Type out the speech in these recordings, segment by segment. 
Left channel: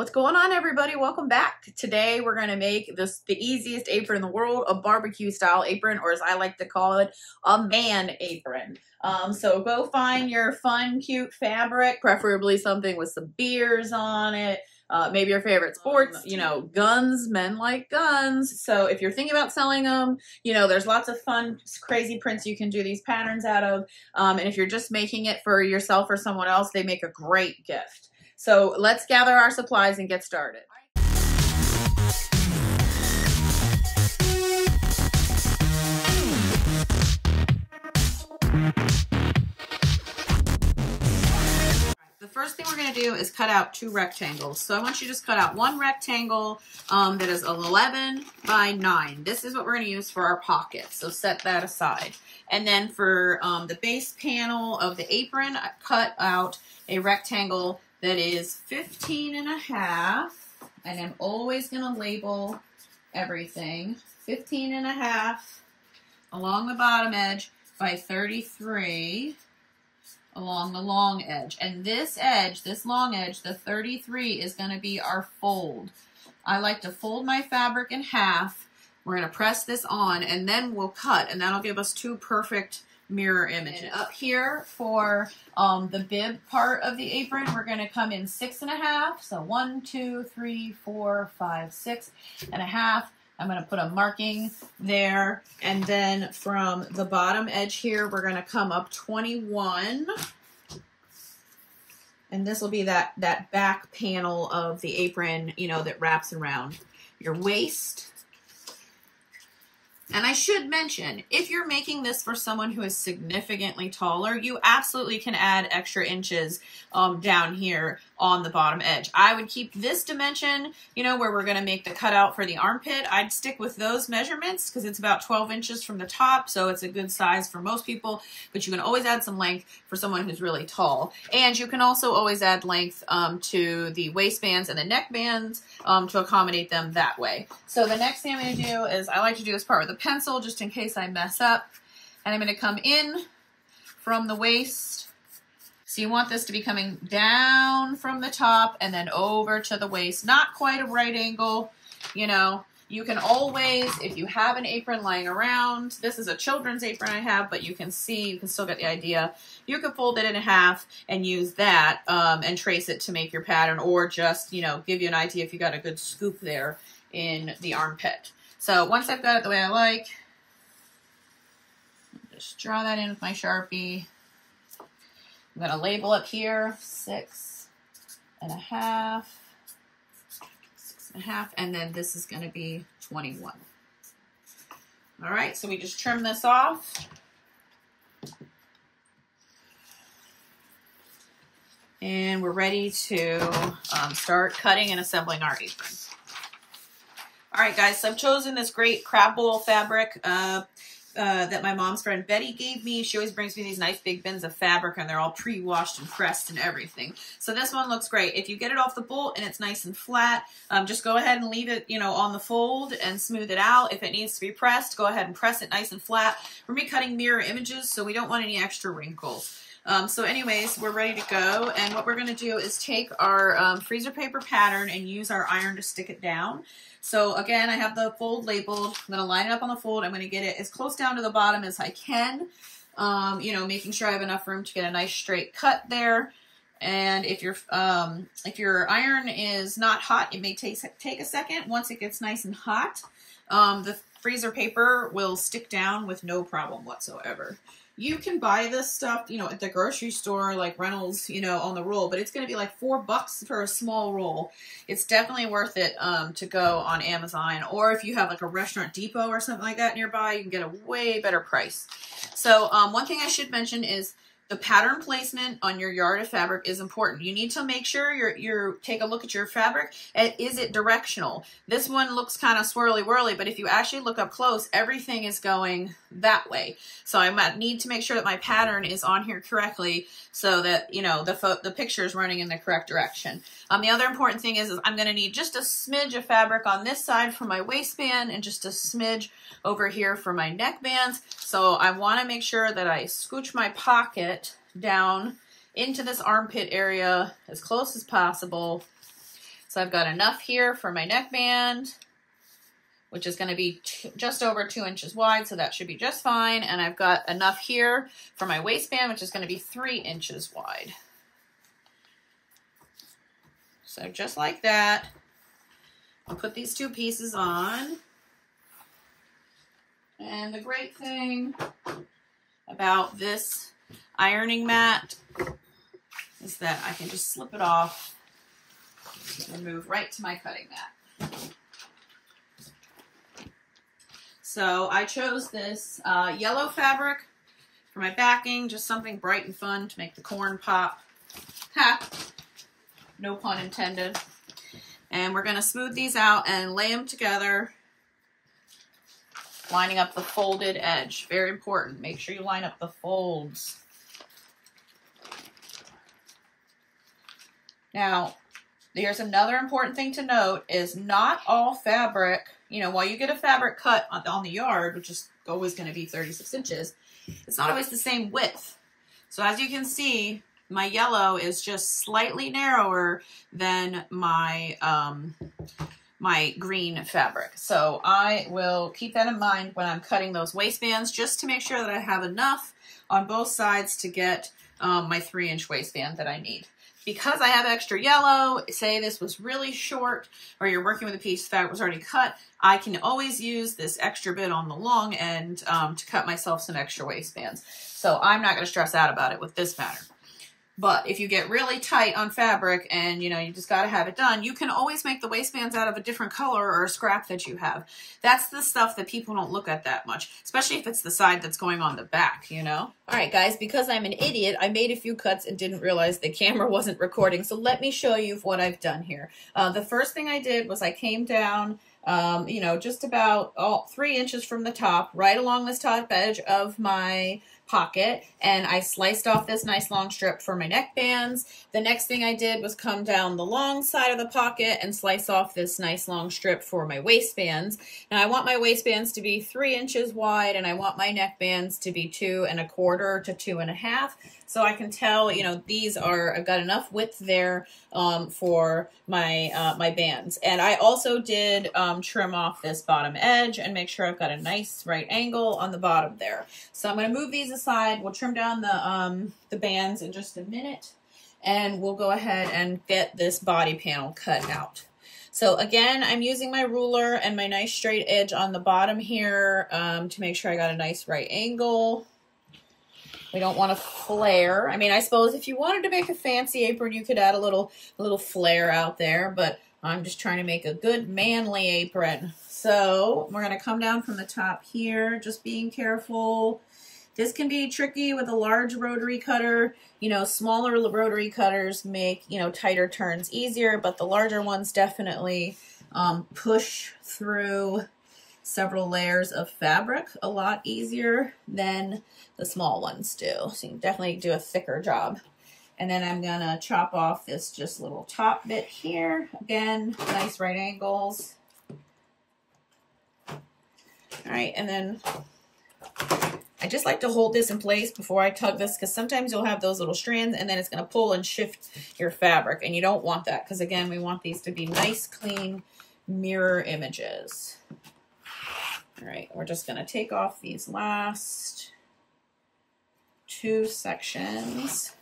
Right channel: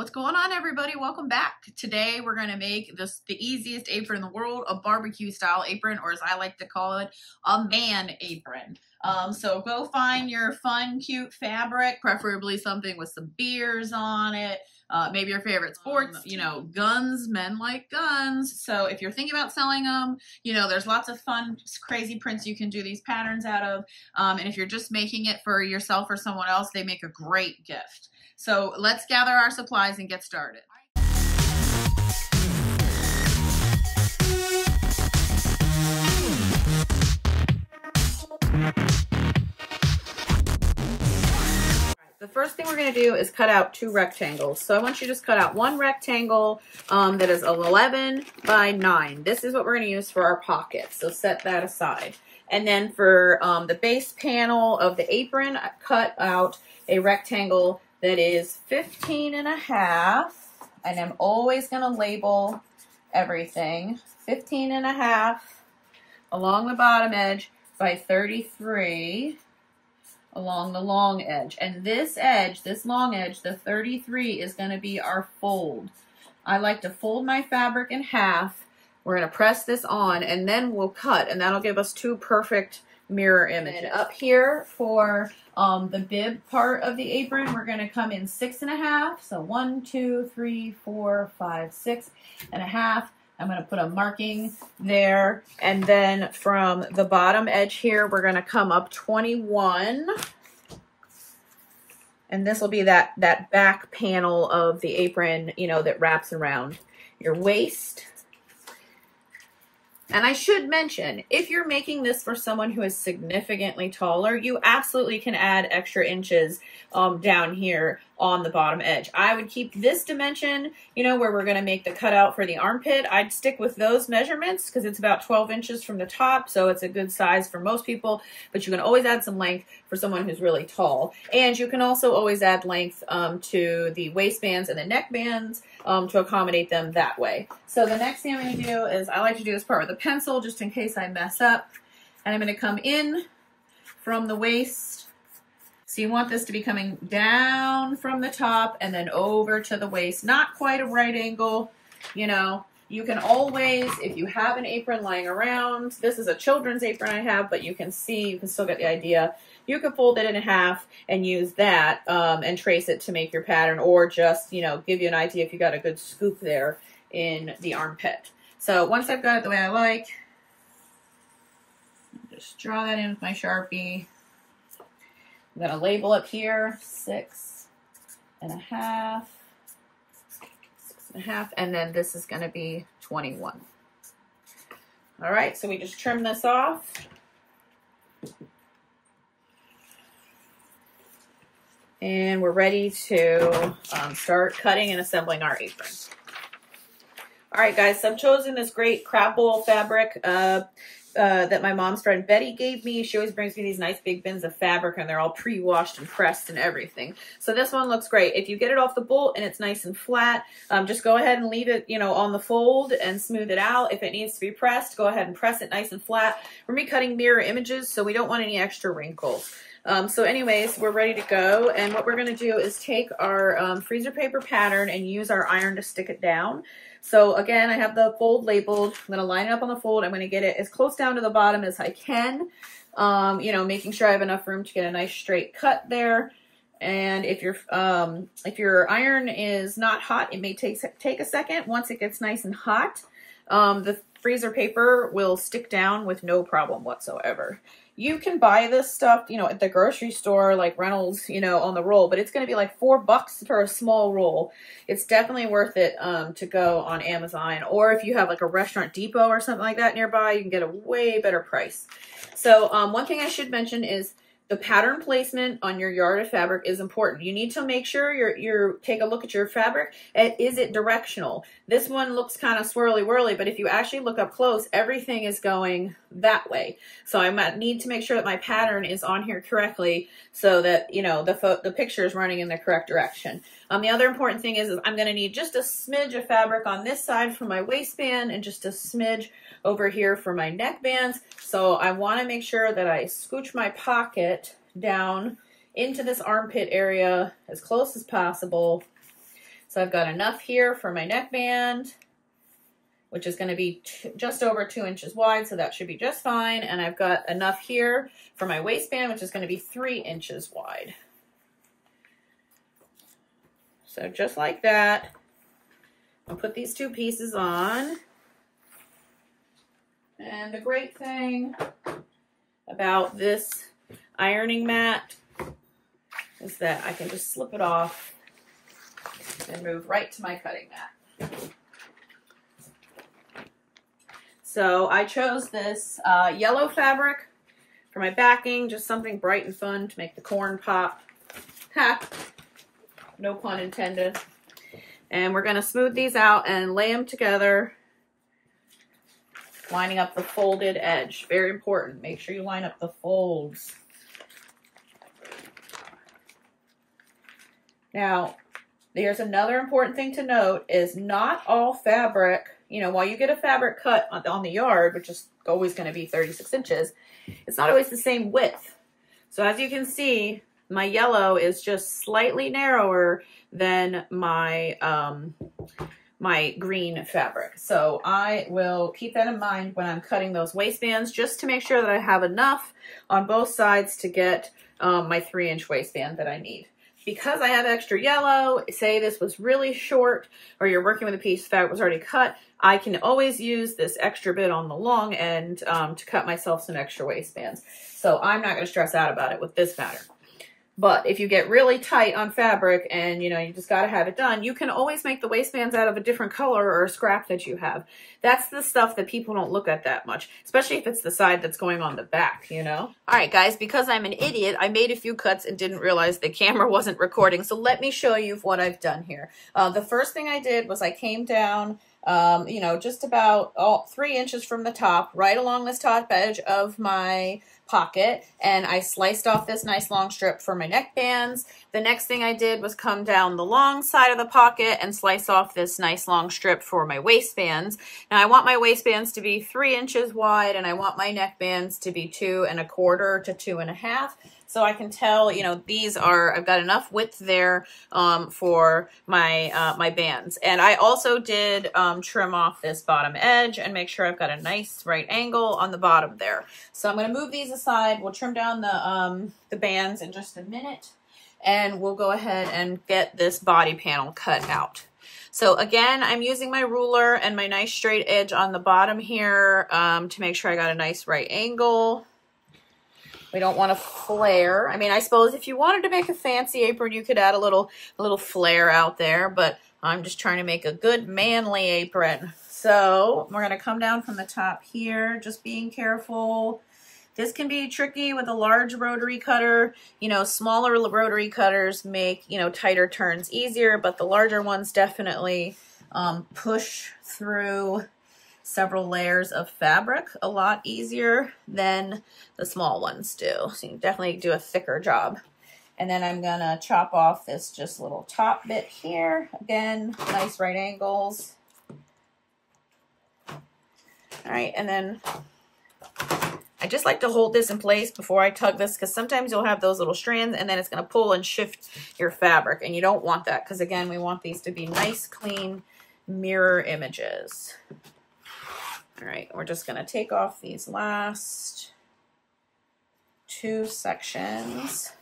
What's going on, everybody? Welcome back. Today we're going to make the easiest apron in the world, a barbecue style apron, or as I like to call it, a man apron. So go find your fun, cute fabric, preferably something with some beers on it. Maybe your favorite sports, guns, men like guns. So if you're thinking about selling them, there's lots of fun, crazy prints you can do these patterns out of. And if you're just making it for yourself or someone else, they make a great gift. So let's gather our supplies and get started. The first thing we're going to do is cut out 2 rectangles. So I want you to just cut out one rectangle that is 11 by 9. This is what we're going to use for our pocket. So set that aside. And then for the base panel of the apron, I cut out a rectangle that is 15.5, and I'm always going to label everything. 15.5 along the bottom edge by 33 along the long edge. And this edge, this long edge, the 33 is going to be our fold. I like to fold my fabric in half. We're going to press this on, and then we'll cut, and that'll give us 2 perfect mirror images. And up here for the bib part of the apron, we're going to come in 6.5. So 1, 2, 3, 4, 5, 6.5. I'm going to put a marking there. And then from the bottom edge here, we're going to come up 21. And this will be that back panel of the apron, that wraps around your waist. And I should mention, if you're making this for someone who is significantly taller, you absolutely can add extra inches down here on the bottom edge. I would keep this dimension, where we're going to make the cutout for the armpit. I'd stick with those measurements because it's about 12 inches from the top, so it's a good size for most people, but you can always add some length for someone who's really tall. And you can also always add length to the waistbands and the neck bands to accommodate them that way. So the next thing I'm going to do is, I like to do this part with a pencil just in case I mess up. And I'm going to come in from the waist. So you want this to be coming down from the top and then over to the waist. Not quite a right angle, You can always, if you have an apron lying around, this is a children's apron I have, but you can see, you can still get the idea. You can fold it in half and use that and trace it to make your pattern, or just, give you an idea if you got a good scoop there in the armpit. So once I've got it the way I like, just draw that in with my Sharpie. I'm going to label up here 6.5, 6.5, and then this is going to be 21. All right, so we just trim this off. And we're ready to start cutting and assembling our apron. All right, guys, so I've chosen this great crab wool fabric that my mom's friend Betty gave me. She always brings me these nice big bins of fabric, and they're all pre-washed and pressed and everything. So this one looks great. If you get it off the bolt and it's nice and flat, just go ahead and leave it, on the fold and smooth it out. If it needs to be pressed, go ahead and press it nice and flat. We're going to be cutting mirror images, so we don't want any extra wrinkles. So anyways, we're ready to go, and what we're going to do is take our freezer paper pattern and use our iron to stick it down. So again, I have the fold labeled. I'm going to line it up on the fold. I'm going to get it as close down to the bottom as I can, making sure I have enough room to get a nice straight cut there. And if your iron is not hot, it may take a second. Once it gets nice and hot, the freezer paper will stick down with no problem whatsoever. You can buy this stuff, at the grocery store, like Reynolds, on the roll, but it's going to be like $4 for a small roll. It's definitely worth it to go on Amazon, or if you have like a Restaurant Depot or something like that nearby, you can get a way better price. So one thing I should mention is the pattern placement on your yard of fabric is important. You need to make sure you take a look at your fabric. And is it directional? This one looks kind of swirly whirly, but if you actually look up close, everything is going that way. So I might need to make sure that my pattern is on here correctly, so that the picture is running in the correct direction. The other important thing is I'm going to need just a smidge of fabric on this side for my waistband and just a smidge over here for my neck bands. So I want to make sure that I scooch my pocket down into this armpit area as close as possible. So I've got enough here for my neckband, which is going to be just over 2 inches wide, so that should be just fine. And I've got enough here for my waistband, which is going to be 3 inches wide. So just like that, I'll put these 2 pieces on. And the great thing about this ironing mat is that I can just slip it off and move right to my cutting mat. So I chose this yellow fabric for my backing, just something bright and fun to make the corn pop. Ha! No pun intended. And we're going to smooth these out and lay them together, lining up the folded edge. Very important. Make sure you line up the folds. Now, there's another important thing to note is not all fabric, you know, while you get a fabric cut on the yard, which is always going to be 36 inches, it's not always the same width. So as you can see, my yellow is just slightly narrower than my my green fabric. So I will keep that in mind when I'm cutting those waistbands, just to make sure that I have enough on both sides to get my 3-inch waistband that I need. Because I have extra yellow, say this was really short, or you're working with a piece that was already cut, I can always use this extra bit on the long end to cut myself some extra waistbands. So I'm not going to stress out about it with this pattern. But if you get really tight on fabric and, you know, you just got to have it done, you can always make the waistbands out of a different color or a scrap that you have. That's the stuff that people don't look at that much, especially if it's the side that's going on the back, you know? All right, guys, because I'm an idiot, I made a few cuts and didn't realize the camera wasn't recording. So let me show you what I've done here. The first thing I did was I came down, you know, just about 3 inches from the top, right along this top edge of my pocket, and I sliced off this nice long strip for my neckbands. The next thing I did was come down the long side of the pocket and slice off this nice long strip for my waistbands. Now I want my waistbands to be 3 inches wide, and I want my neckbands to be 2 1/4 to 2 1/2. So I can tell, you know, these are, I've got enough width there for my my bands. And I also did trim off this bottom edge and make sure I've got a nice right angle on the bottom there. So I'm going to move these aside. We'll trim down the bands in just a minute, and we'll go ahead and get this body panel cut out. So again, I'm using my ruler and my nice straight edge on the bottom here to make sure I got a nice right angle. We don't want to flare. I mean, I suppose if you wanted to make a fancy apron, you could add a little flare out there, but I'm just trying to make a good manly apron. So we're going to come down from the top here, just being careful. This can be tricky with a large rotary cutter. You know, smaller rotary cutters make, you know, tighter turns easier, but the larger ones definitely push through several layers of fabric a lot easier than the small ones do. So you can definitely do a thicker job. And then I'm gonna chop off this just little top bit here. Again, nice right angles. All right, and then I just like to hold this in place before I tug this, because sometimes you'll have those little strands and then it's gonna pull and shift your fabric, and you don't want that, because again, we want these to be nice, clean mirror images. All right, we're just gonna take off these last 2 sections.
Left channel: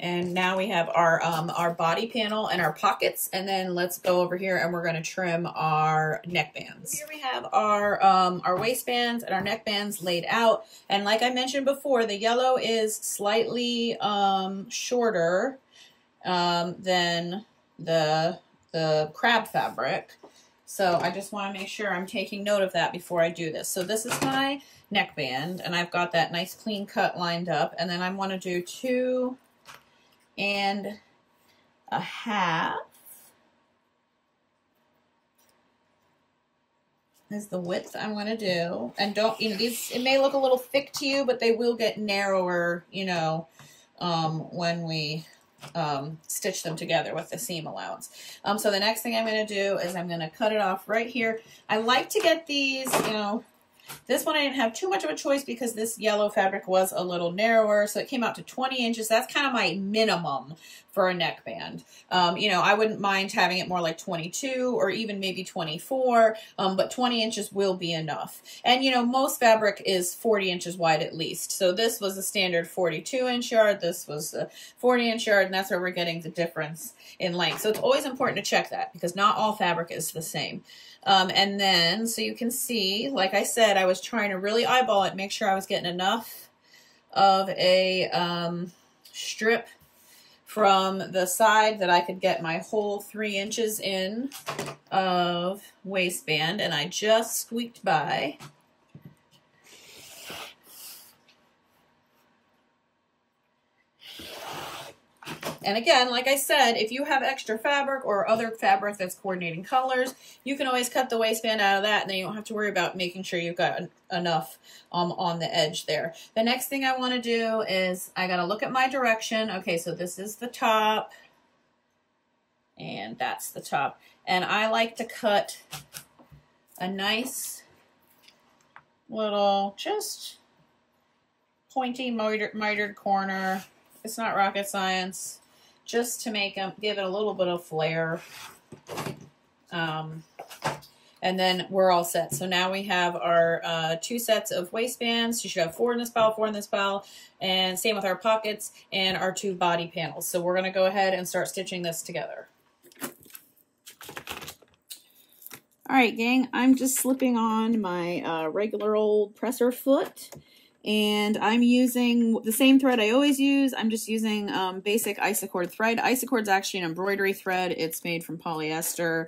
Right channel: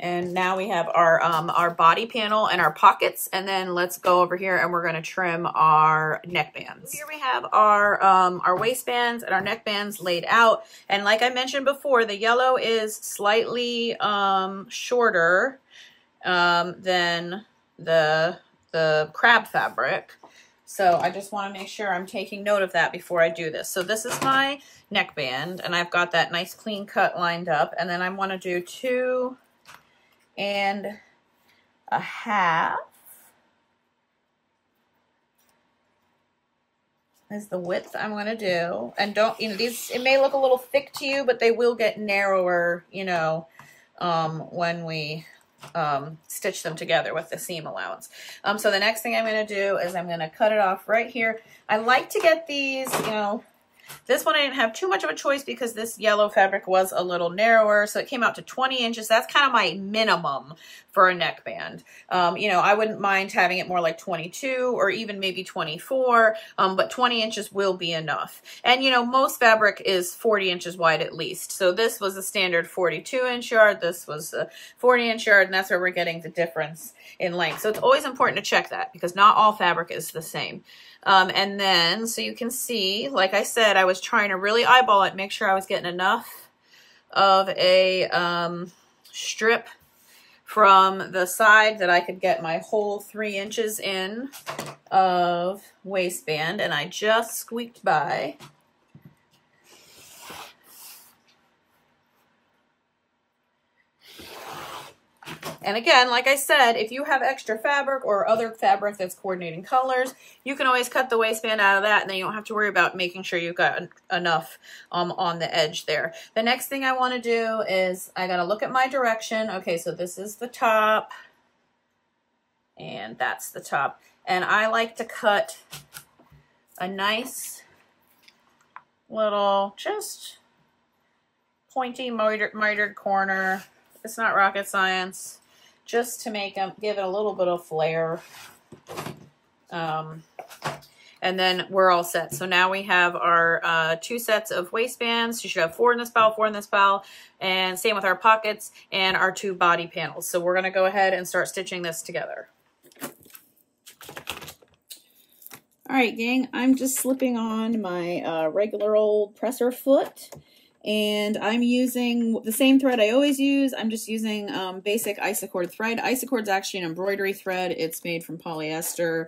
And now we have our body panel and our pockets, and then let's go over here and we're gonna trim our neckbands. Here we have our waistbands and our neckbands laid out. And like I mentioned before, the yellow is slightly shorter than the crab fabric. So I just want to make sure I'm taking note of that before I do this. So this is my neckband, and I've got that nice clean cut lined up. And then I want to do 2 1/2 is the width I'm going to do. And don't, you know, these, it may look a little thick to you, but they will get narrower, you know, when we stitch them together with the seam allowance. So the next thing I'm going to do is I'm going to cut it off right here. I like to get these, you know, this one I didn't have too much of a choice because this yellow fabric was a little narrower, so it came out to 20 inches. That's kind of my minimum for a neckband. You know, I wouldn't mind having it more like 22 or even maybe 24, but 20 inches will be enough. And you know, most fabric is 40 inches wide at least. So this was a standard 42-inch yard. This was a 40-inch yard, and that's where we're getting the difference in length. So it's always important to check that because not all fabric is the same. And then, so you can see, like I said, I was trying to really eyeball it, make sure I was getting enough of a strip from the side that I could get my whole 3 inches in of waistband, and I just squeaked by. And again, like I said, if you have extra fabric or other fabric that's coordinating colors, you can always cut the waistband out of that, and then you don't have to worry about making sure you've got enough on the edge there. The next thing I want to do is I got to look at my direction. Okay, so this is the top, and that's the top. And I like to cut a nice little, just pointy mitered corner. It's not rocket science, just to make them, give it a little bit of flair. And then we're all set. So now we have our 2 sets of waistbands. You should have 4 in this pile, 4 in this pile, and same with our pockets and our 2 body panels. So we're gonna go ahead and start stitching this together. All right, gang, I'm just slipping on my regular old presser foot. And I'm using the same thread I always use. I'm just using basic Isacord thread. Isacord's actually an embroidery thread. It's made from polyester.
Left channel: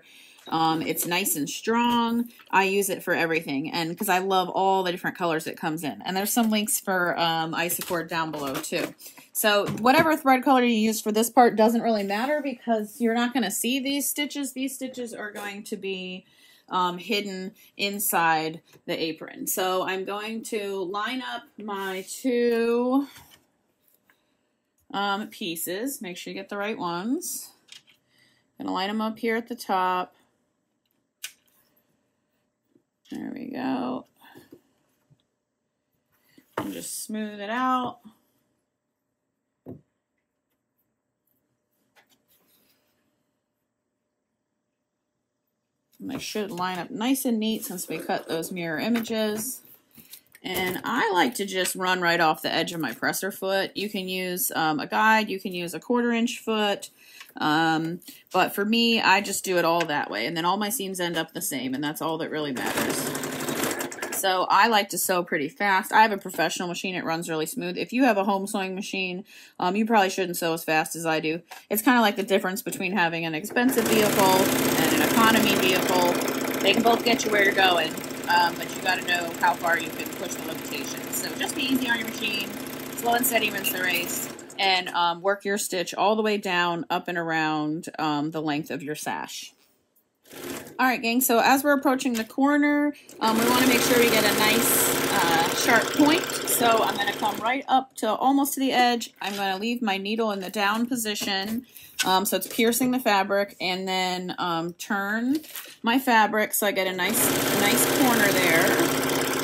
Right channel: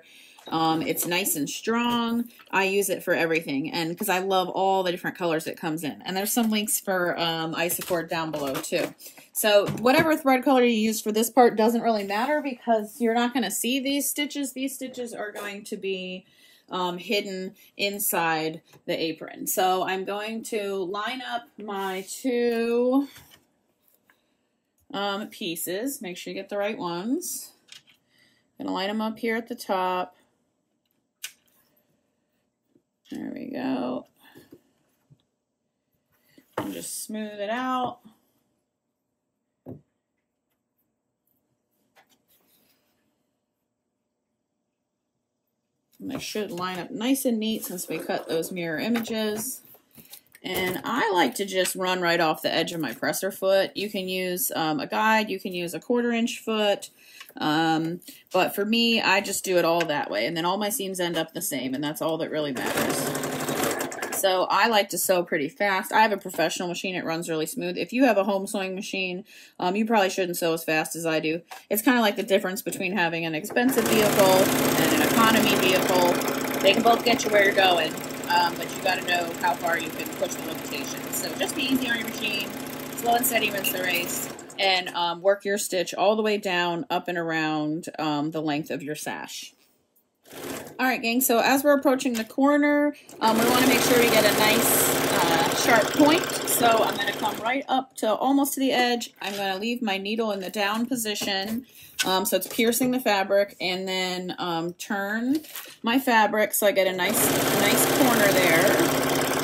It's nice and strong. I use it for everything, and because I love all the different colors it comes in. And there's some links for Isacord down below too. So whatever thread color you use for this part doesn't really matter because you're not going to see these stitches. These stitches are going to be hidden inside the apron. So I'm going to line up my 2 pieces. Make sure you get the right ones. I'm gonna line them up here at the top. There we go. And just smooth it out. And they should line up nice and neat since we cut those mirror images. And I like to just run right off the edge of my presser foot. You can use a guide, you can use a 1/4 inch foot. But for me, I just do it all that way. And then all my seams end up the same, and that's all that really matters. So I like to sew pretty fast. I have a professional machine. It runs really smooth. If you have a home sewing machine, you probably shouldn't sew as fast as I do. It's kind of like the difference between having an expensive vehicle and an economy vehicle. They can both get you where you're going, but you got to know how far you can push the limitations. So just be easy on your machine, slow and steady wins the race, and work your stitch all the way down, up and around the length of your sash. All right, gang, so as we're approaching the corner, we want to make sure we get a nice sharp point. So I'm going to come right up to almost to the edge. I'm going to leave my needle in the down position, so it's piercing the fabric, and then turn my fabric so I get a nice corner there.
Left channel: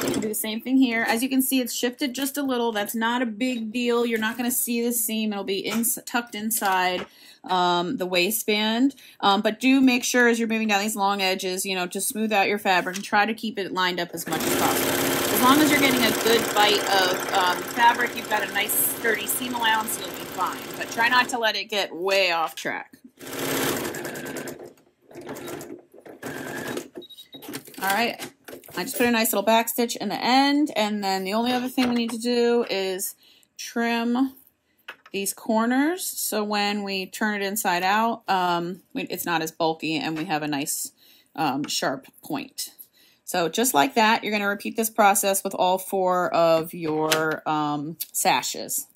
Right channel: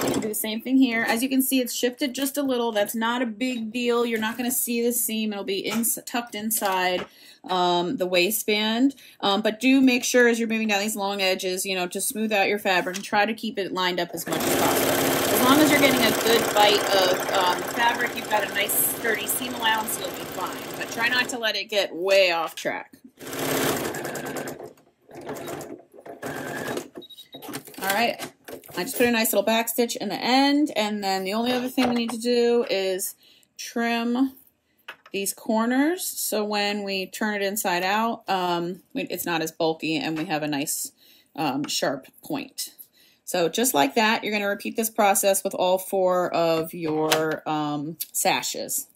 You can do the same thing here. As you can see, it's shifted just a little. That's not a big deal. You're not going to see the seam. It'll be tucked inside the waistband. But do make sure as you're moving down these long edges, you know, to smooth out your fabric and try to keep it lined up as much as possible. As long as you're getting a good bite of fabric, you've got a nice sturdy seam allowance, you'll be fine. But try not to let it get way off track. All right. I just put a nice little back stitch in the end, and then the only other thing we need to do is trim these corners so when we turn it inside out, it's not as bulky and we have a nice sharp point. So just like that, you're going to repeat this process with all 4 of your sashes.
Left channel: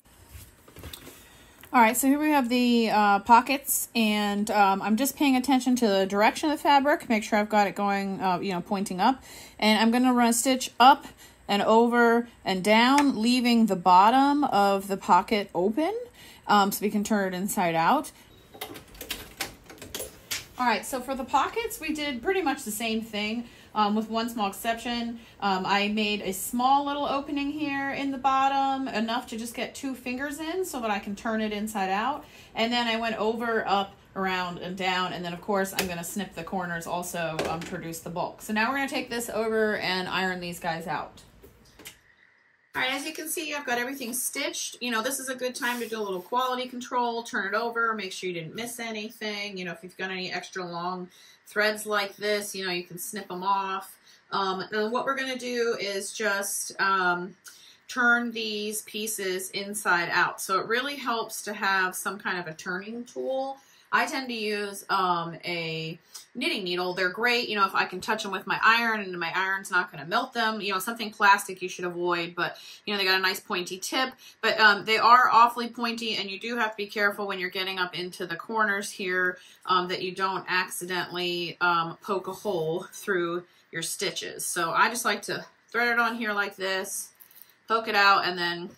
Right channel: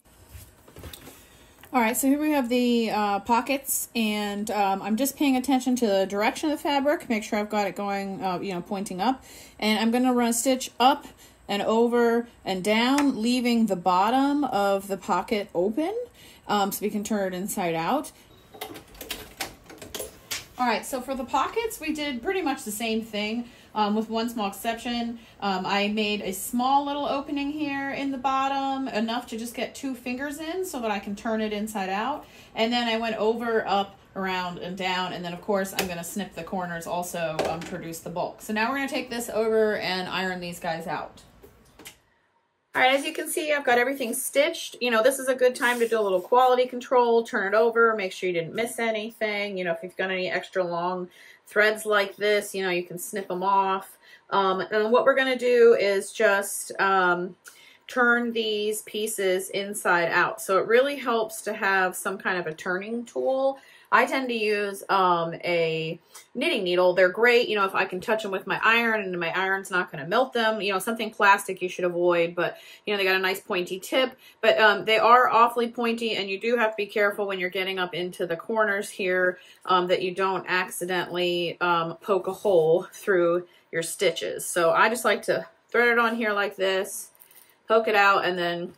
All right, so here we have the pockets, and I'm just paying attention to the direction of the fabric, make sure I've got it going, you know, pointing up. And I'm going to run a stitch up and over and down, leaving the bottom of the pocket open so we can turn it inside out. All right, so for the pockets, we did pretty much the same thing. with one small exception. I made a small little opening here in the bottom, enough to just get 2 fingers in so that I can turn it inside out. And then I went over, up, around, and down. And then of course I'm gonna snip the corners also to reduce the bulk. So now we're gonna take this over and iron these guys out. All right, as you can see, I've got everything stitched. You know, this is a good time to do a little quality control, turn it over, make sure you didn't miss anything. You know, if you've got any extra long threads like this, you know, you can snip them off. And what we're gonna do is just turn these pieces inside out. So it really helps to have some kind of a turning tool. I tend to use a knitting needle. They're great, you know, if I can touch them with my iron and my iron's not going to melt them. You know, something plastic you should avoid, but, you know, they got a nice pointy tip. But they are awfully pointy, and you do have to be careful when you're getting up into the corners here that you don't accidentally poke a hole through your stitches. So I just like to thread it on here like this, poke it out, and then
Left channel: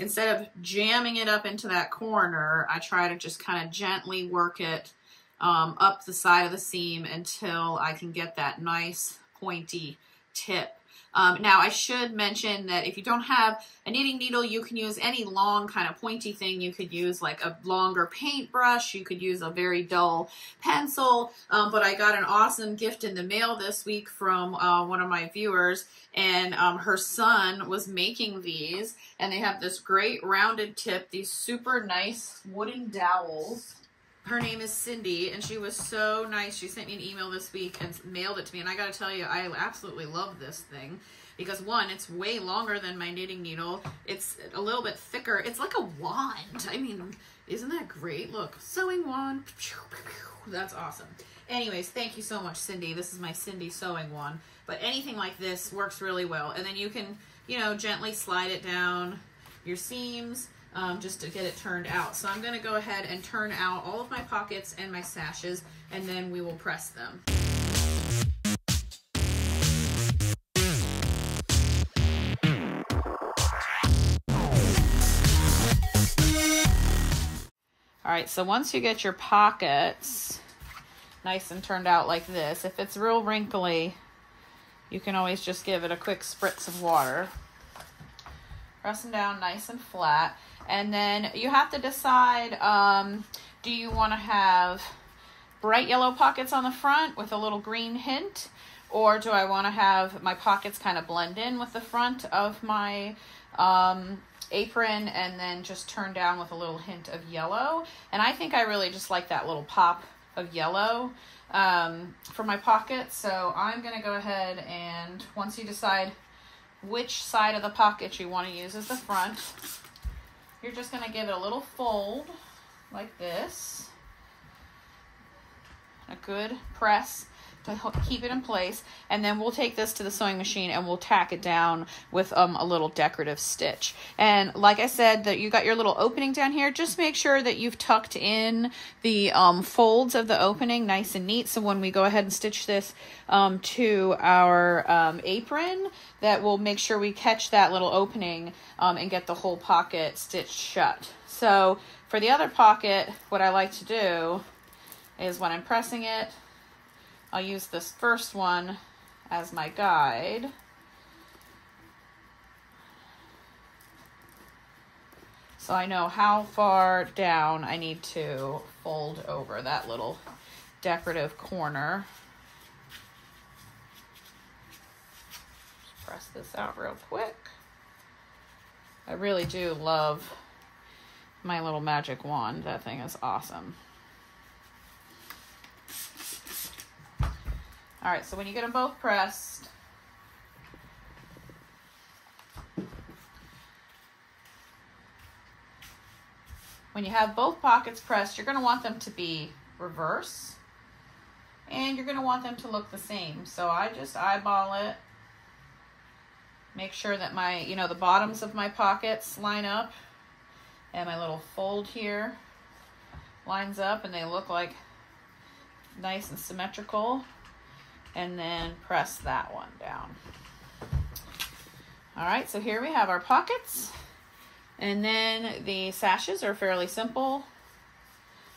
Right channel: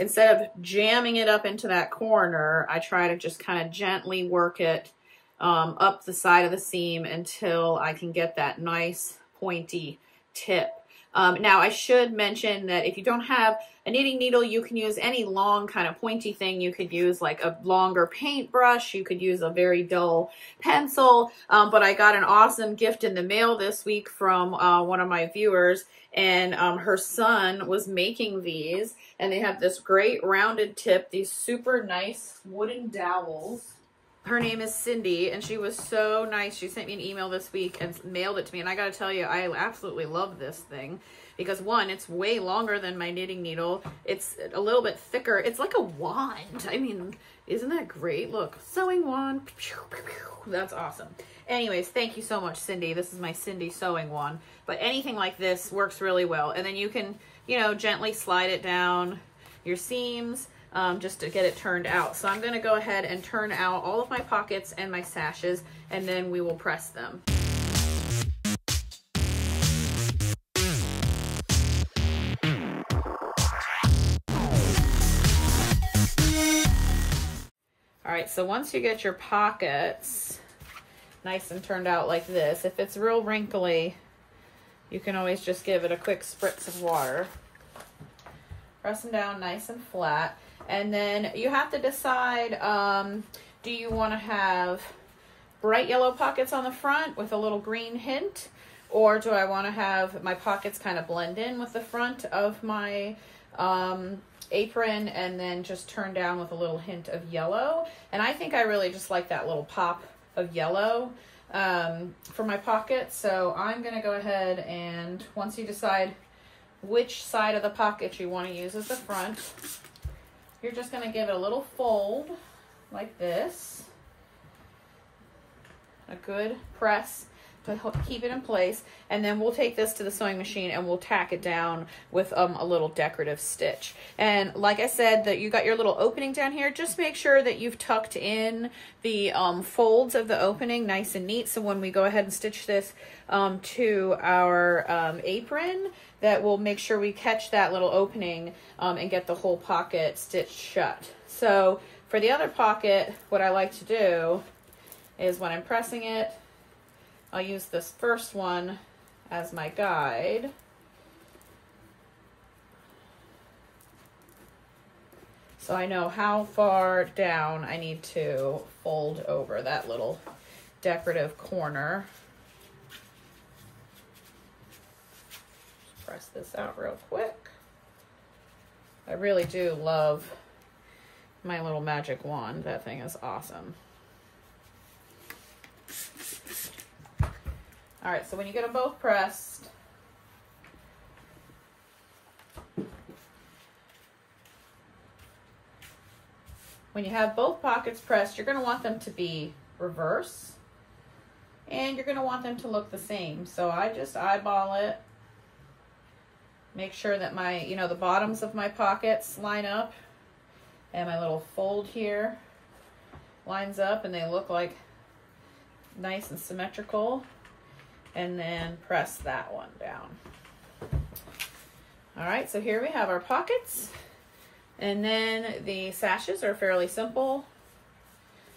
instead of jamming it up into that corner, I try to just kind of gently work it up the side of the seam until I can get that nice pointy tip. Now I should mention that if you don't have a knitting needle, you can use any long kind of pointy thing. You could use like a longer paintbrush. You could use a very dull pencil. But I got an awesome gift in the mail this week from one of my viewers, and her son was making these, and they have this great rounded tip, these super nice wooden dowels. Her name is Cindy, and she was so nice. She sent me an email this week and mailed it to me. And I got to tell you, I absolutely love this thing because, one, it's way longer than my knitting needle. It's a little bit thicker. It's like a wand. I mean, isn't that great? Look, sewing wand. That's awesome. Anyways, thank you so much, Cindy. This is my Cindy sewing wand. But anything like this works really well. And then you can, you know, gently slide it down your seams. Just to get it turned out. So I'm going to go ahead and turn out all of my pockets and my sashes, and then we will press them. All right, so once you get your pockets nice and turned out like this, if it's real wrinkly, you can always just give it a quick spritz of water. Press them down nice and flat. And then you have to decide, do you want to have bright yellow pockets on the front with a little green hint? Or do I want to have my pockets kind of blend in with the front of my apron and then just turn down with a little hint of yellow? And I think I really just like that little pop of yellow for my pocket. So I'm going to go ahead and, once you decide which side of the pocket you want to use as the front, you're just going to give it a little fold like this, a good press to keep it in place, and then we'll take this to the sewing machine and we'll tack it down with a little decorative stitch. And like I said, that you got your little opening down here, just make sure that you've tucked in the folds of the opening nice and neat, so when we go ahead and stitch this to our apron, that will make sure we catch that little opening and get the whole pocket stitched shut. So for the other pocket, what I like to do is when I'm pressing it, I'll use this first one as my guide. So I know how far down I need to fold over that little decorative corner. Just press this out real quick. I really do love my little magic wand. That thing is awesome. All right, so when you get them both pressed, when you have both pockets pressed, you're going to want them to be reverse, and you're going to want them to look the same. So I just eyeball it, make sure that my, the bottoms of my pockets line up, and my little fold here lines up, and they look like nice and symmetrical. And then press that one down. All right, so here we have our pockets. And then the sashes are fairly simple.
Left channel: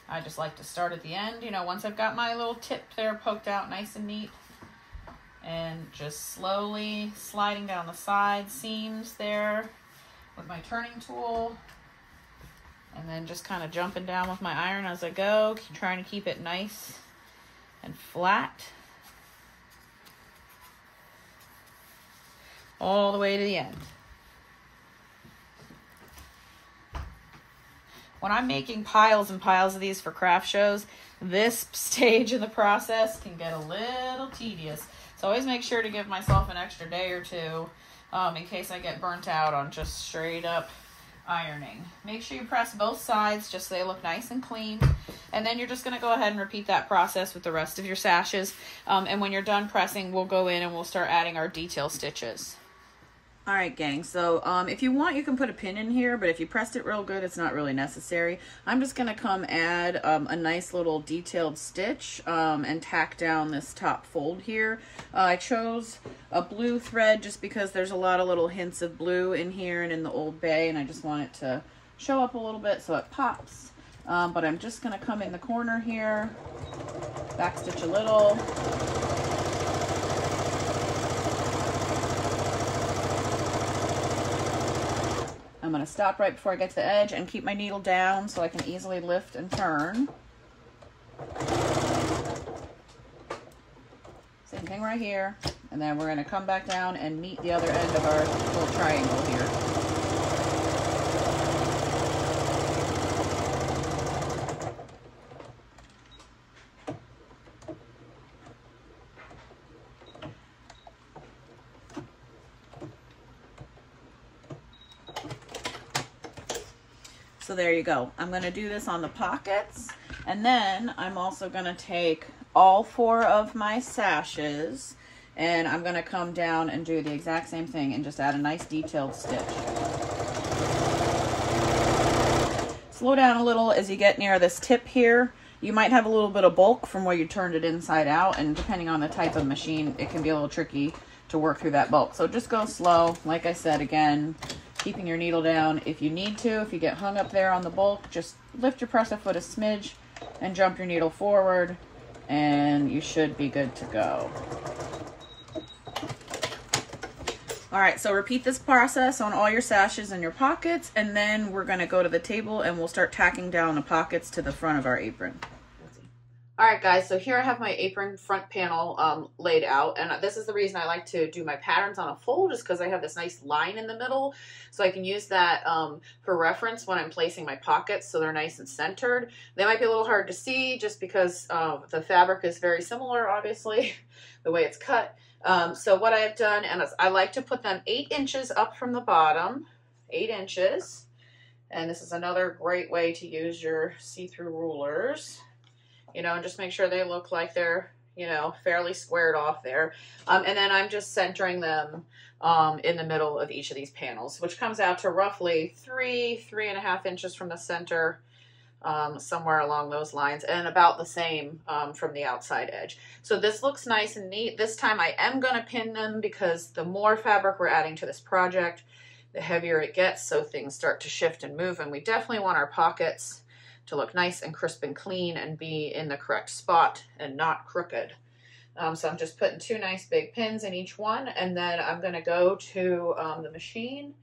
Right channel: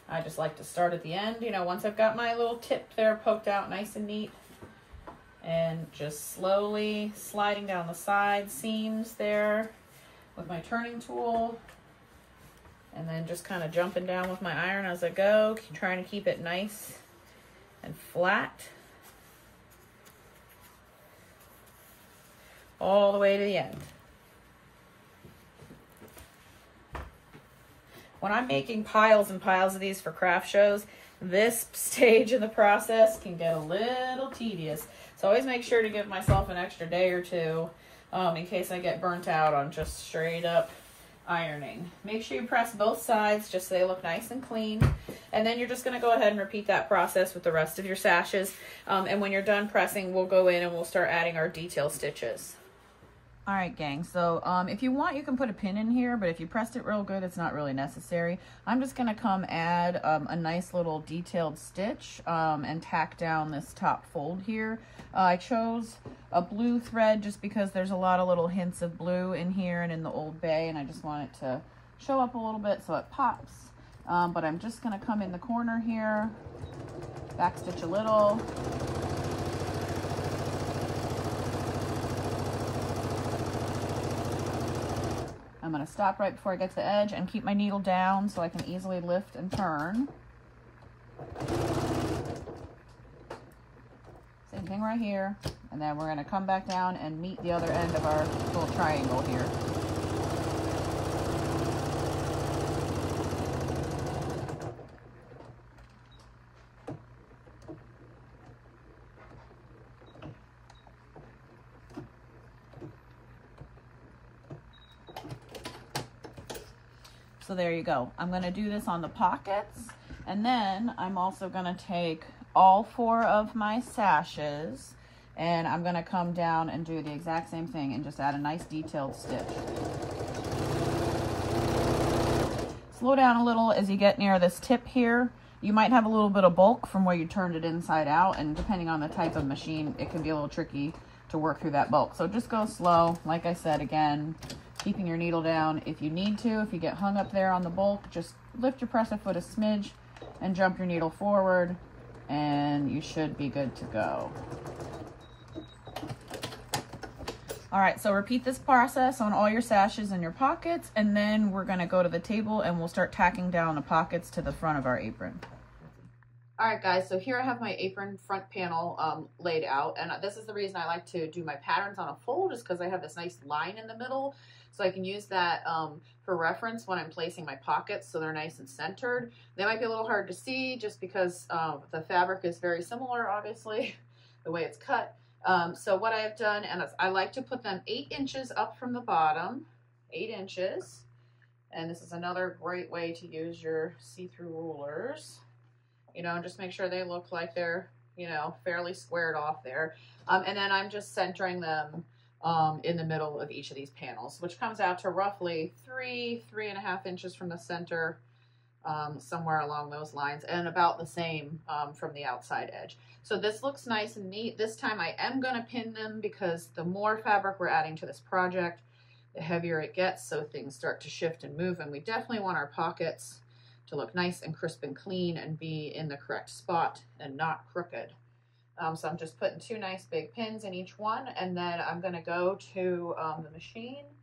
I just like to start at the end, once I've got my little tip there poked out nice and neat. and just slowly sliding down the side seams there with my turning tool, and then just kind of jumping down with my iron as I go, trying to keep it nice and flat all the way to the end. When I'm making piles and piles of these for craft shows, this stage in the process can get a little tedious. So always make sure to give myself an extra day or two in case I get burnt out on just straight up ironing. Make sure you press both sides just so they look nice and clean. And then you're just going to go ahead and repeat that process with the rest of your sashes. And when you're done pressing, we'll go in and we'll start adding our detail stitches. All right, gang, so if you want, you can put a pin in here, but if you pressed it real good, it's not really necessary. I'm just going to come add a nice little detailed stitch and tack down this top fold here. I chose a blue thread just because there's a lot of little hints of blue in here and in the Old Bay, and I just want it to show up a little bit so it pops. But I'm just going to come in the corner here, backstitch a little. I'm going to stop right before I get to the edge and keep my needle down so I can easily lift and turn. Same thing right here. And then we're going to come back down and meet the other end of our little triangle here. So there you go. I'm going to do this on the pockets, and then I'm also going to take all 4 of my sashes and I'm going to come down and do the exact same thing and just add a nice detailed stitch. Slow down a little as you get near this tip here. You might have a little bit of bulk from where you turned it inside out, and depending on the type of machine, it can be a little tricky to work through that bulk. So just go slow. Like I said, again, keeping your needle down if you need to. If you get hung up there on the bulk, just lift your presser foot a smidge and jump your needle forward, and you should be good to go. All right, so repeat this process on all your sashes and your pockets, and then we're gonna go to the table and we'll start tacking down the pockets to the front of our apron. All right, guys, so here I have my apron front panel laid out, and this is the reason I like to do my patterns on a fold, just because I have this nice line in the middle, so I can use that for reference when I'm placing my pockets so they're nice and centered. They might be a little hard to see just because the fabric is very similar, obviously, the way it's cut. So what I have done, and I like to put them 8 inches up from the bottom, 8 inches, and this is another great way to use your see-through rulers. You know, and just make sure they look like they're, you know, fairly squared off there. And then I'm just centering them in the middle of each of these panels, which comes out to roughly 3.5 inches from the center, somewhere along those lines, and about the same from the outside edge. So this looks nice and neat. This time I am going to pin them because the more fabric we're adding to this project, the heavier it gets, so things start to shift and move, and we definitely want our pockets to look nice and crisp and clean and be in the correct spot and not crooked. So I'm just putting 2 nice big pins in each one, and then I'm going to go to the machine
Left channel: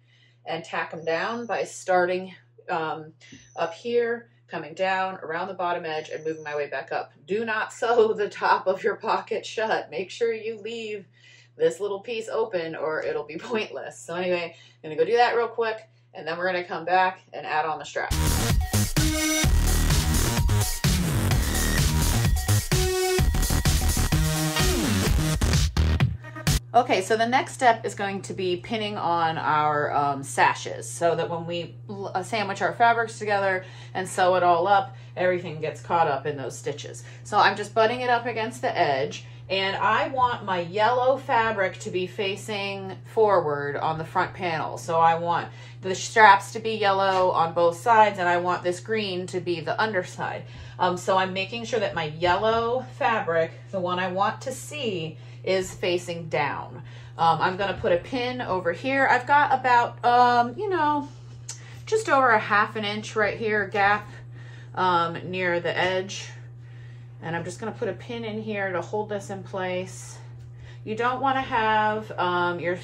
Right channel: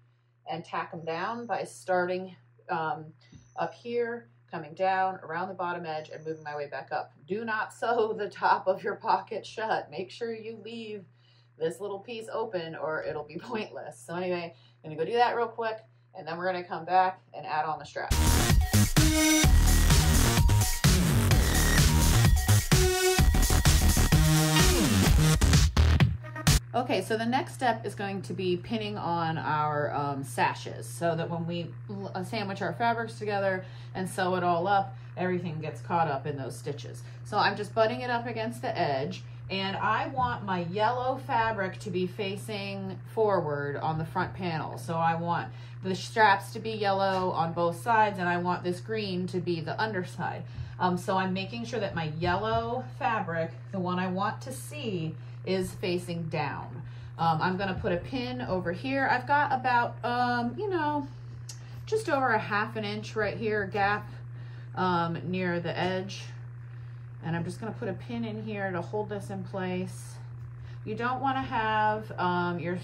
and tack them down by starting up here, coming down around the bottom edge and moving my way back up. Do not sew the top of your pocket shut. Make sure you leave this little piece open or it'll be pointless. So anyway, I'm going to go do that real quick, and then we're going to come back and add on the strap. Okay, so the next step is going to be pinning on our sashes so that when we sandwich our fabrics together and sew it all up, everything gets caught up in those stitches. So I'm just butting it up against the edge, and I want my yellow fabric to be facing forward on the front panel. So I want the straps to be yellow on both sides, and I want this green to be the underside. So I'm making sure that my yellow fabric, the one I want to see, is facing down. I'm going to put a pin over here. I've got about, you know, just over a ½ inch right here gap near the edge. And I'm just going to put a pin in here to hold this in place. You don't want to have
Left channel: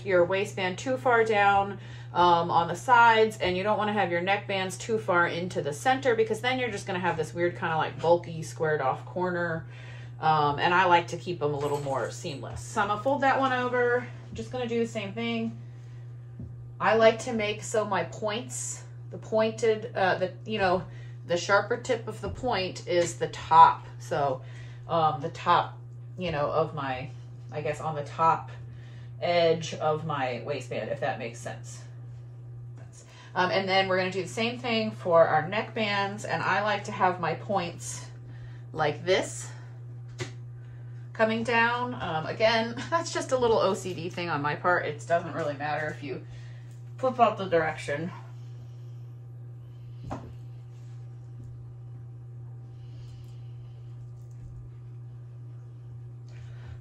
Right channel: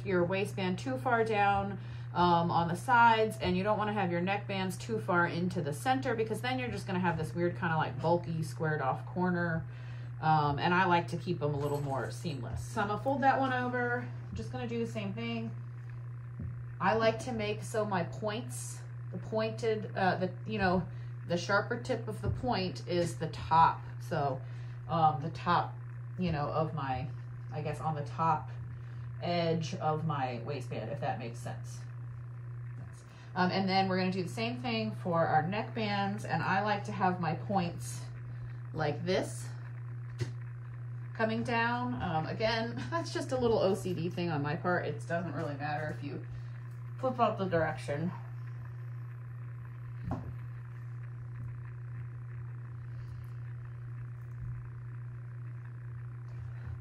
your waistband too far down on the sides, and you don't want to have your neck bands too far into the center, because then you're just going to have this weird kind of like bulky squared off corner. And I like to keep them a little more seamless. So I'm going to fold that one over. I'm just going to do the same thing. I like to make so my points, the pointed, the sharper tip of the point is the top. So the top, of my, I guess on the top edge of my waistband, if that makes sense. And then we're going to do the same thing for our neck bands. And I like to have my points like this, coming down. Again, that's just a little OCD thing on my part. It doesn't really matter if you flip out the direction.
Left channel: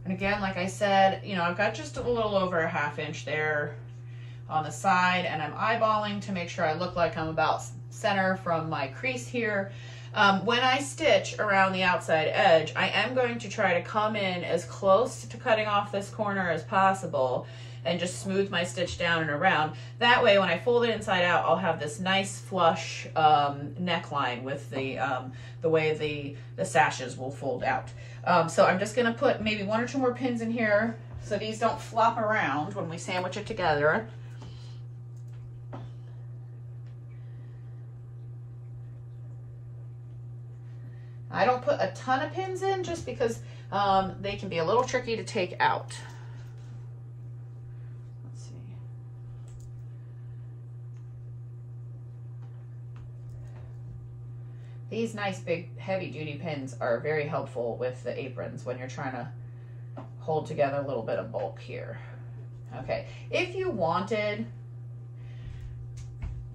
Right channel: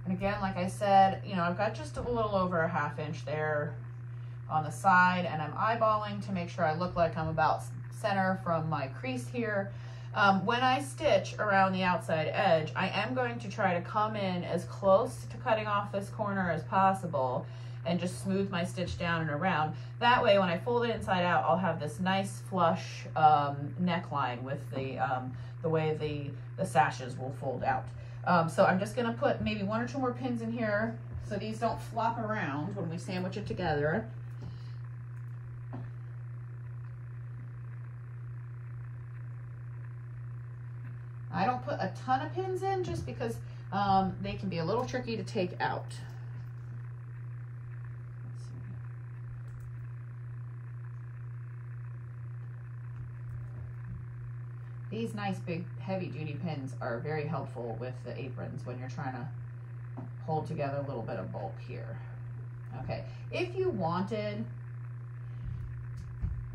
And again, like I said, I've got just a little over a ½ inch there on the side, and I'm eyeballing to make sure I look like I'm about center from my crease here. When I stitch around the outside edge, I am going to try to come in as close to cutting off this corner as possible and just smooth my stitch down and around. That way, when I fold it inside out, I'll have this nice flush neckline with the way the sashes will fold out. So I'm just gonna put maybe 1 or 2 more pins in here so these don't flop around when we sandwich it together. I don't put a ton of pins in just because they can be a little tricky to take out. Let's see. These nice big heavy duty pins are very helpful with the aprons when you're trying to hold together a little bit of bulk here. Okay, if you wanted,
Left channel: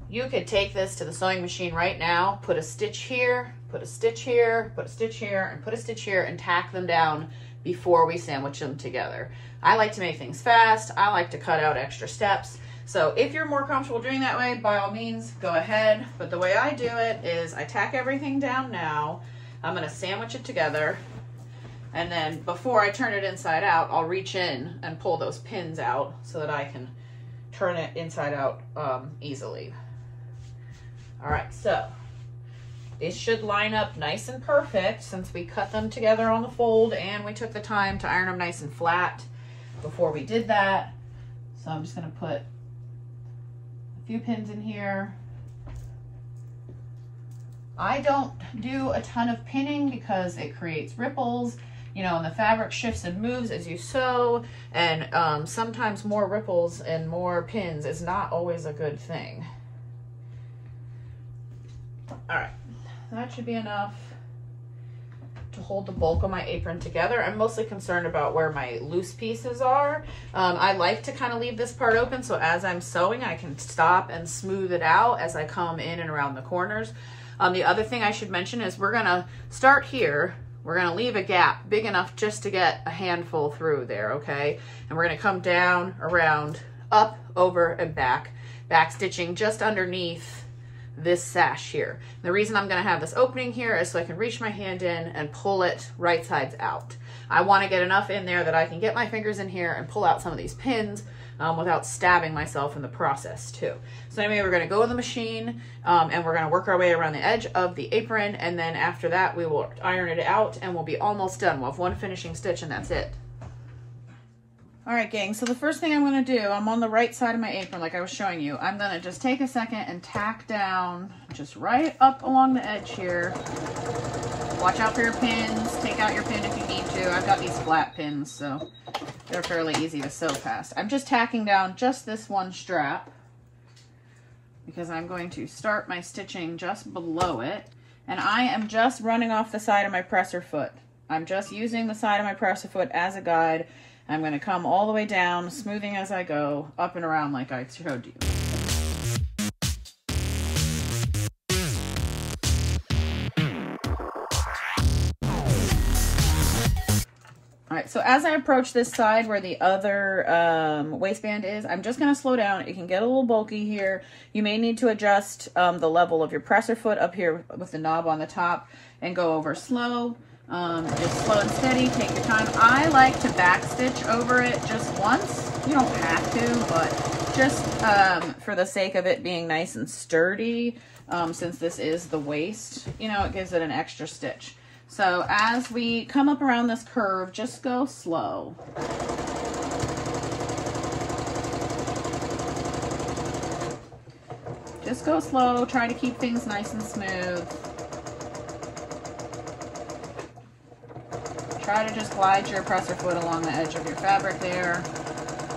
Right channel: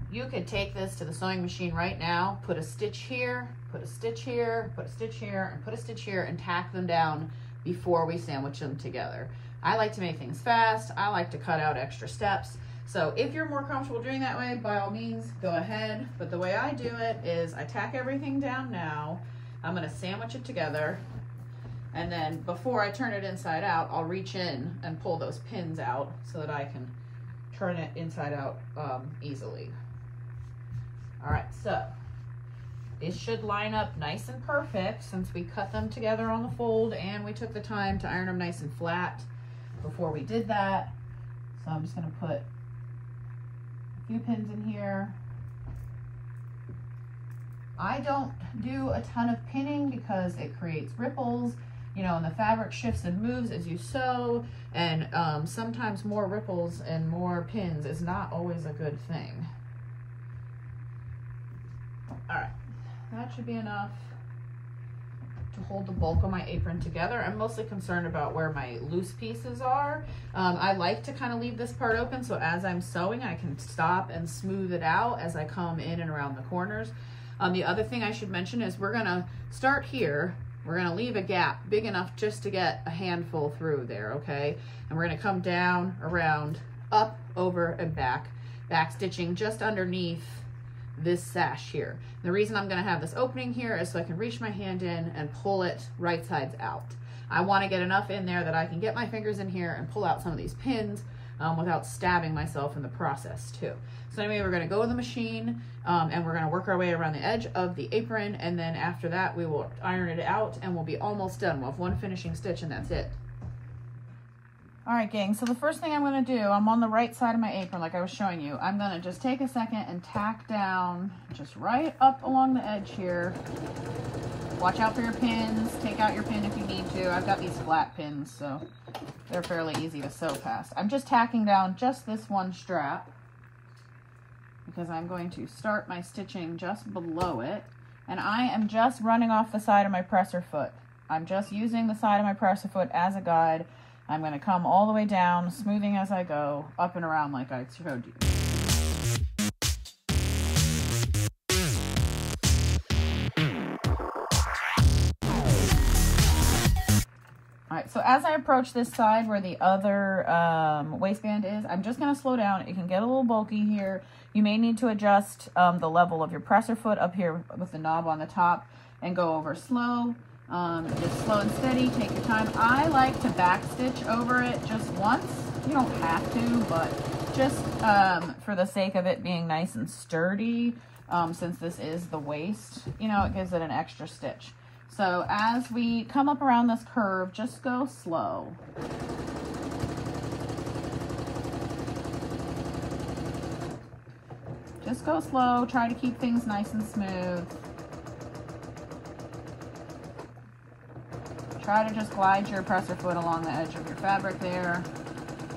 you could take this to the sewing machine right now, put a stitch here, put a stitch here, put a stitch here, and put a stitch here, and tack them down before we sandwich them together. I like to make things fast. I like to cut out extra steps. So if you're more comfortable doing that way, by all means, go ahead. But the way I do it is I tack everything down now. I'm gonna sandwich it together. And then before I turn it inside out, I'll reach in and pull those pins out so that I can turn it inside out easily. All right, so these should line up nice and perfect since we cut them together on the fold and we took the time to iron them nice and flat before we did that. So I'm just gonna put a few pins in here. I don't do a ton of pinning because it creates ripples, and the fabric shifts and moves as you sew, and sometimes more ripples and more pins is not always a good thing. All right, that should be enough to hold the bulk of my apron together. I'm mostly concerned about where my loose pieces are. I like to kind of leave this part open so as I'm sewing I can stop and smooth it out as I come in and around the corners. The other thing I should mention is we're gonna start here. We're gonna leave a gap big enough just to get a handful through there, okay? And we're gonna come down, around, up, over, and back stitching just underneath this sash here. The reason I'm gonna have this opening here is so I can reach my hand in and pull it right sides out. I wanna get enough in there that I can get my fingers in here and pull out some of these pins without stabbing myself in the process too. So anyway, we're gonna go in the machine and we're gonna work our way around the edge of the apron, and then after that we will iron it out and we'll be almost done. We'll have one finishing stitch and that's it. All right, gang, so the first thing I'm gonna do, I'm on the right side of my apron like I was showing you. I'm gonna just take a second and tack down just right up along the edge here. Watch out for your pins. Take out your pin if you need to. I've got these flat pins, so they're fairly easy to sew past. I'm just tacking down just this one strap because I'm going to start my stitching just below it. And I am just running off the side of my presser foot. I'm just using the side of my presser foot as a guide. I'm going to come all the way down, smoothing as I go, up and around like I showed you. All right, so as I approach this side where the other waistband is, I'm just going to slow down. It can get a little bulky here. You may need to adjust the level of your presser foot up here with the knob on the top and go over slow. It's slow and steady, take your time. I like to backstitch over it just once. You don't have to, but just for the sake of it being nice and sturdy, since this is the waist, you know, it gives it an extra stitch. So as we come up around this curve, just go slow. Just go slow, try to keep things nice and smooth. Try to just glide your presser foot along the edge of your fabric there.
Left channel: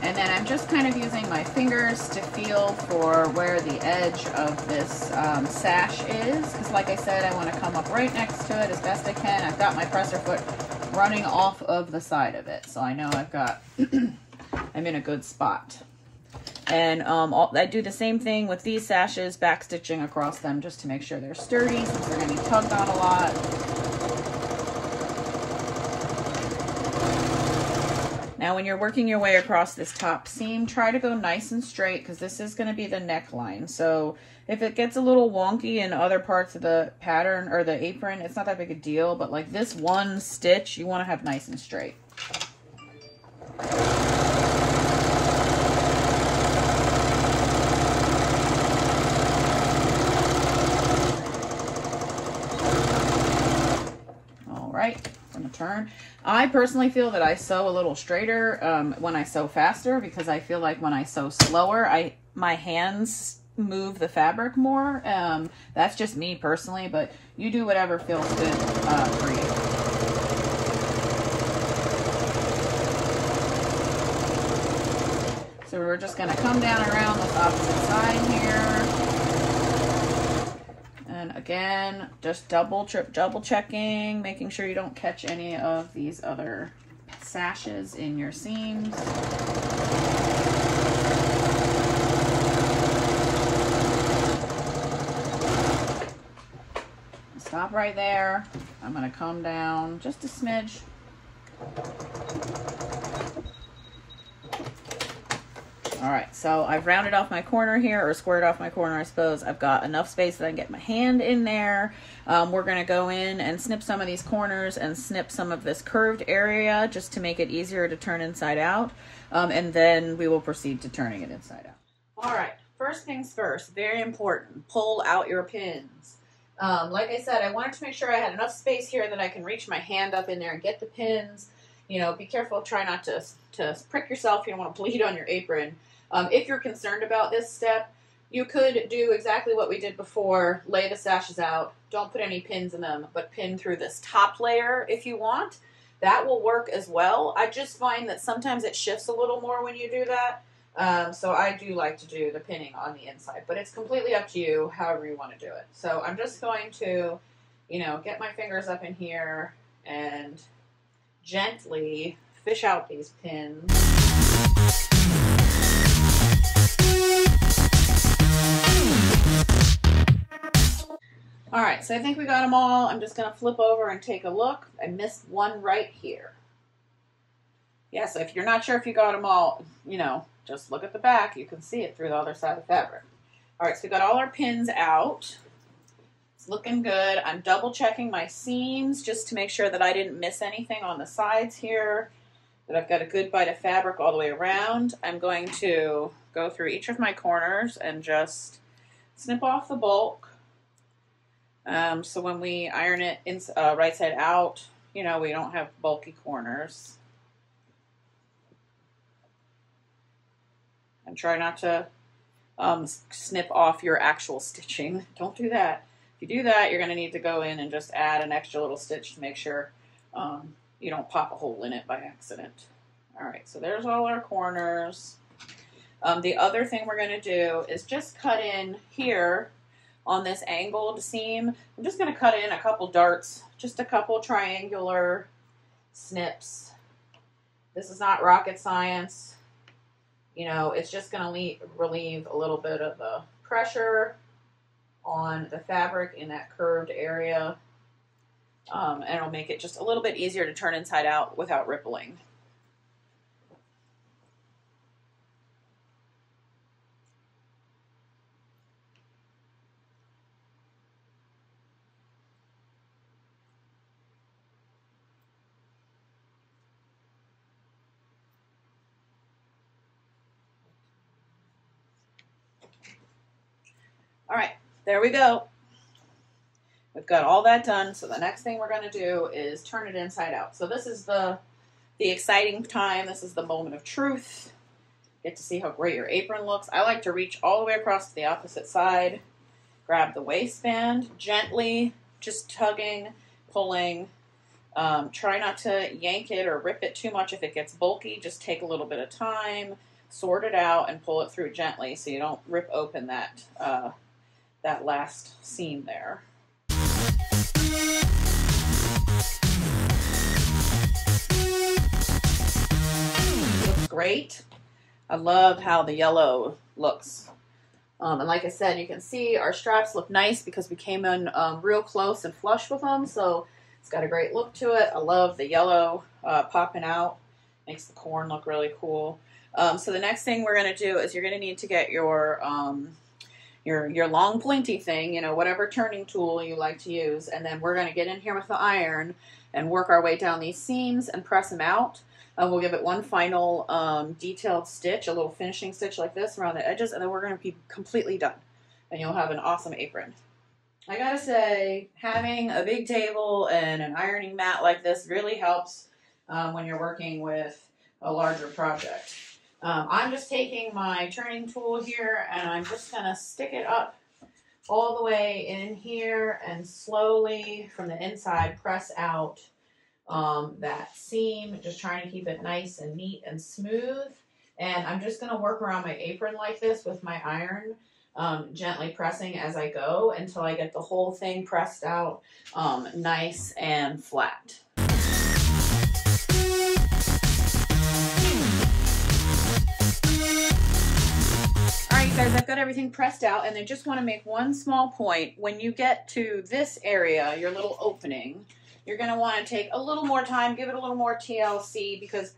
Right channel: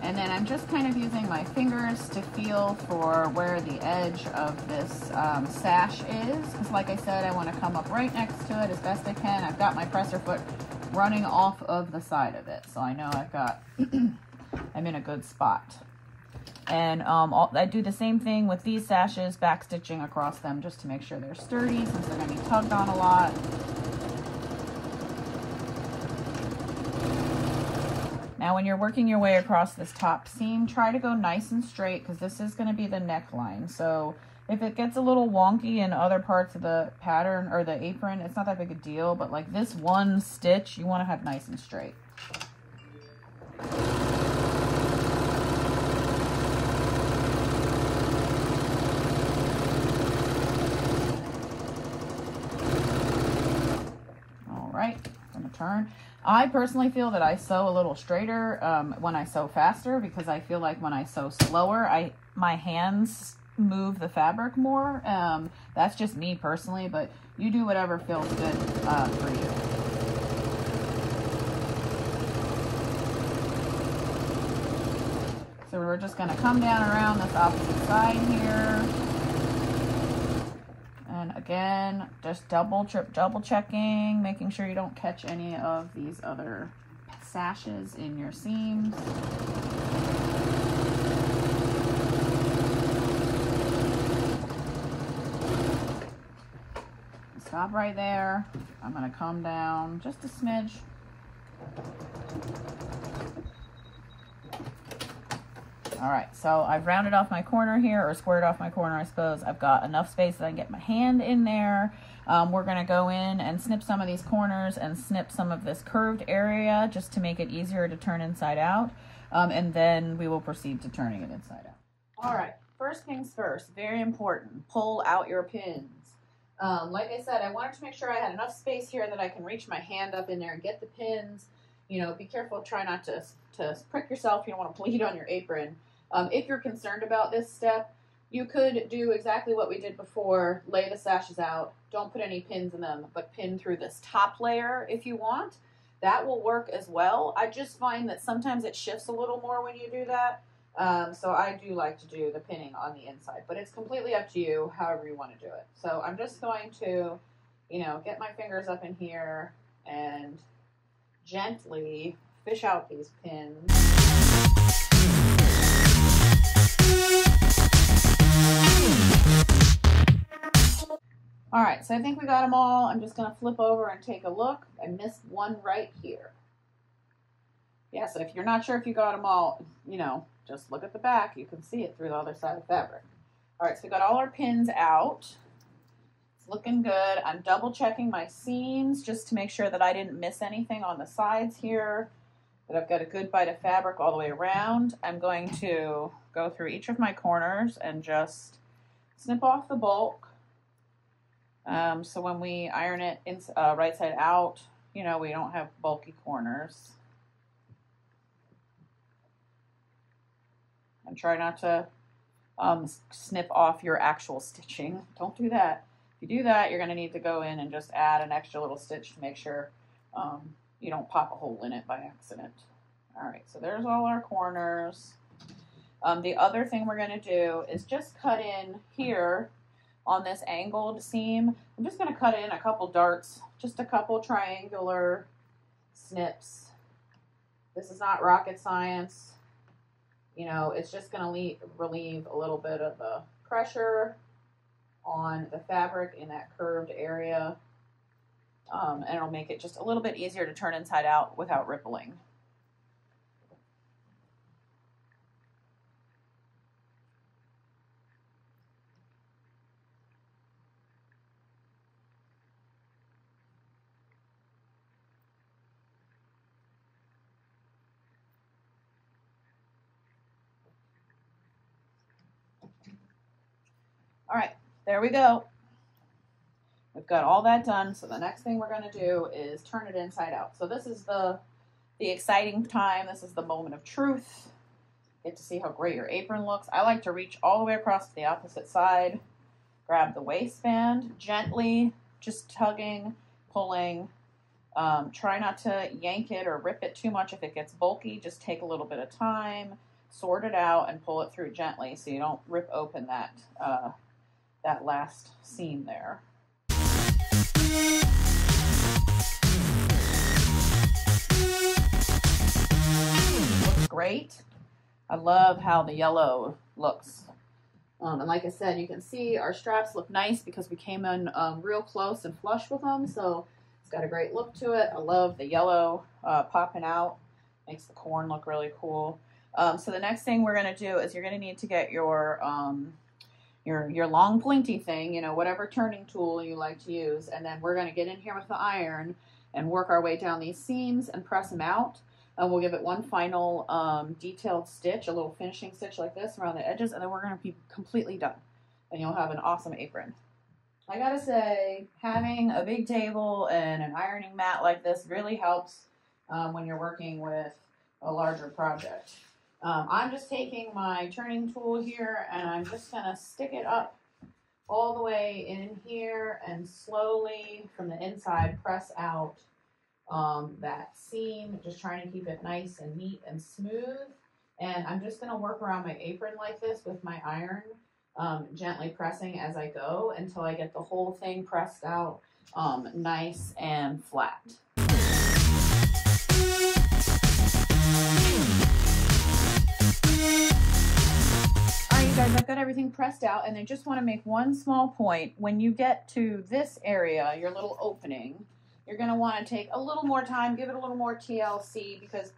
And then I'm just kind of using my fingers to feel for where the edge of this sash is. Because like I said, I want to come up right next to it as best I can. I've got my presser foot running off of the side of it. So I know I've got, I'm in a good spot. And I do the same thing with these sashes, back stitching across them just to make sure they're sturdy since they're going to be tugged on a lot. Now when you're working your way across this top seam, try to go nice and straight because this is going to be the neckline. So if it gets a little wonky in other parts of the pattern or the apron, it's not that big a deal, but like this one stitch, you want to have nice and straight. From a turn. I personally feel that I sew a little straighter when I sew faster because I feel like when I sew slower, my hands move the fabric more. That's just me personally, but you do whatever feels good for you. So we're just going to come down around this opposite side here. And again, just double checking, making sure you don't catch any of these other sashes in your seams. Stop right there. I'm going to come down just a smidge. All right, so I've rounded off my corner here, or squared off my corner, I suppose. I've got enough space that I can get my hand in there. We're gonna go in and snip some of these corners and snip some of this curved area just to make it easier to turn inside out. And then we will proceed to turning it inside out. All right, first things first, very important, pull out your pins. Like I said, I wanted to make sure I had enough space here that I can reach my hand up in there and get the pins. You know, be careful, try not to prick yourself. You don't want to bleed on your apron. If you're concerned about this step, you could do exactly what we did before, lay the sashes out, don't put any pins in them, but pin through this top layer if you want. That will work as well. I just find that sometimes it shifts a little more when you do that. So I do like to do the pinning on the inside, but it's completely up to you, however you want to do it. So I'm just going to, you know, get my fingers up in here and gently fish out these pins. All right, so I think we got them all. I'm just going to flip over and take a look. I missed one right here. Yeah, so if you're not sure if you got them all, you know, just look at the back. You can see it through the other side of the fabric. All right, so we got all our pins out. It's looking good. I'm double checking my seams just to make sure that I didn't miss anything on the sides here, that I've got a good bite of fabric all the way around. I'm going to go through each of my corners and just snip off the bulk. So when we iron it right side out, you know, we don't have bulky corners. And try not to snip off your actual stitching. Don't do that. If you do that, you're going to need to go in and just add an extra little stitch to make sure you don't pop a hole in it by accident. All right, so there's all our corners. The other thing we're going to do is just cut in here on this angled seam. I'm just going to cut in a couple darts, just a couple triangular snips. This is not rocket science. You know, it's just going to relieve a little bit of the pressure on the fabric in that curved area. And it'll make it just a little bit easier to turn inside out without rippling. there we go. We've got all that done. So the next thing we're going to do is turn it inside out. So this is the exciting time. This is the moment of truth. Get to see how great your apron looks. I like to reach all the way across to the opposite side. Grab the waistband, gently, just tugging, pulling. Try not to yank it or rip it too much if it gets bulky. Just take a little bit of time, sort it out, and pull it through gently so you don't rip open that, that last seam there. Looks great. I love how the yellow looks. And like I said, you can see our straps look nice because we came in real close and flush with them. So it's got a great look to it. I love the yellow popping out. Makes the corn look really cool. So the next thing we're going to do is you're going to need to get your long pointy thing, you know, whatever turning tool you like to use. And then we're going to get in here with the iron and work our way down these seams and press them out. We'll give it one final detailed stitch, a little finishing stitch like this around the edges, and then we're going to be completely done. And you'll have an awesome apron. I gotta say, having a big table and an ironing mat like this really helps when you're working with a larger project. I'm just taking my turning tool here and I'm just going to stick it up all the way in here and slowly from the inside press out that seam, just trying to keep it nice and neat and smooth. And I'm just going to work around my apron like this with my iron, gently pressing as I go until I get the whole thing pressed out nice and flat. I've got everything pressed out, and I just want to make one small point. When you get to this area, your little opening, you're going to want to take a little more time, give it a little more TLC, because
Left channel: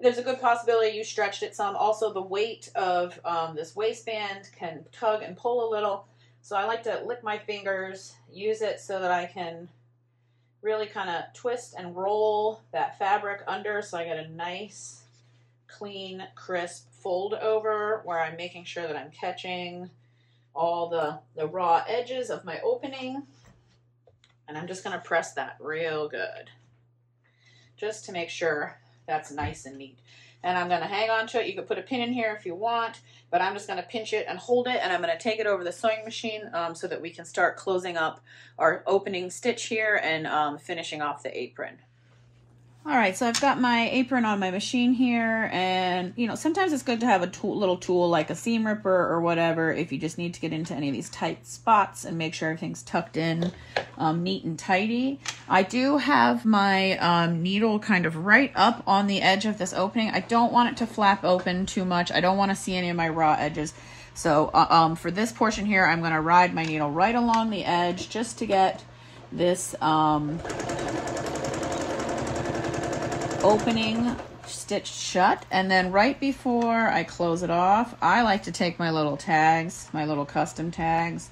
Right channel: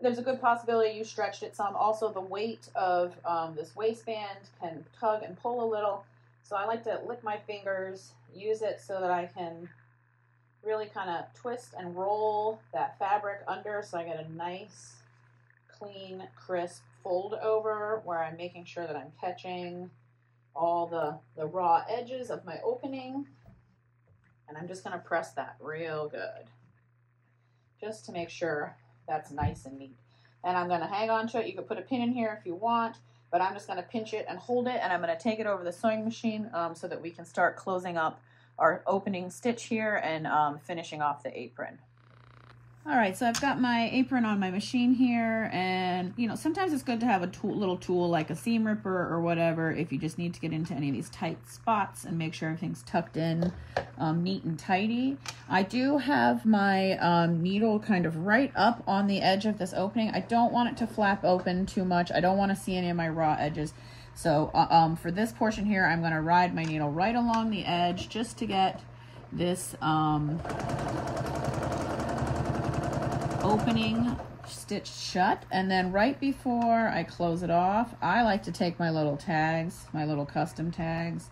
there's a good possibility you stretched it some. Also, the weight of this waistband can tug and pull a little, so I like to lick my fingers, use it so that I can really kind of twist and roll that fabric under so I get a nice, clean, crisp fold over where I'm making sure that I'm catching all the raw edges of my opening. And I'm just going to press that real good just to make sure that's nice and neat. And I'm going to hang on to it. You could put a pin in here if you want, but I'm just going to pinch it and hold it, and I'm going to take it over the sewing machine so that we can start closing up our opening stitch here and finishing off the apron. All right, so I've got my apron on my machine here, and you know, sometimes it's good to have a little tool like a seam ripper or whatever if you just need to get into any of these tight spots and make sure everything's tucked in neat and tidy. I do have my needle kind of right up on the edge of this opening. I don't want it to flap open too much. I don't want to see any of my raw edges. So for this portion here, I'm going to ride my needle right along the edge just to get this opening stitched shut. And then right before I close it off, I like to take my little tags, my little custom tags.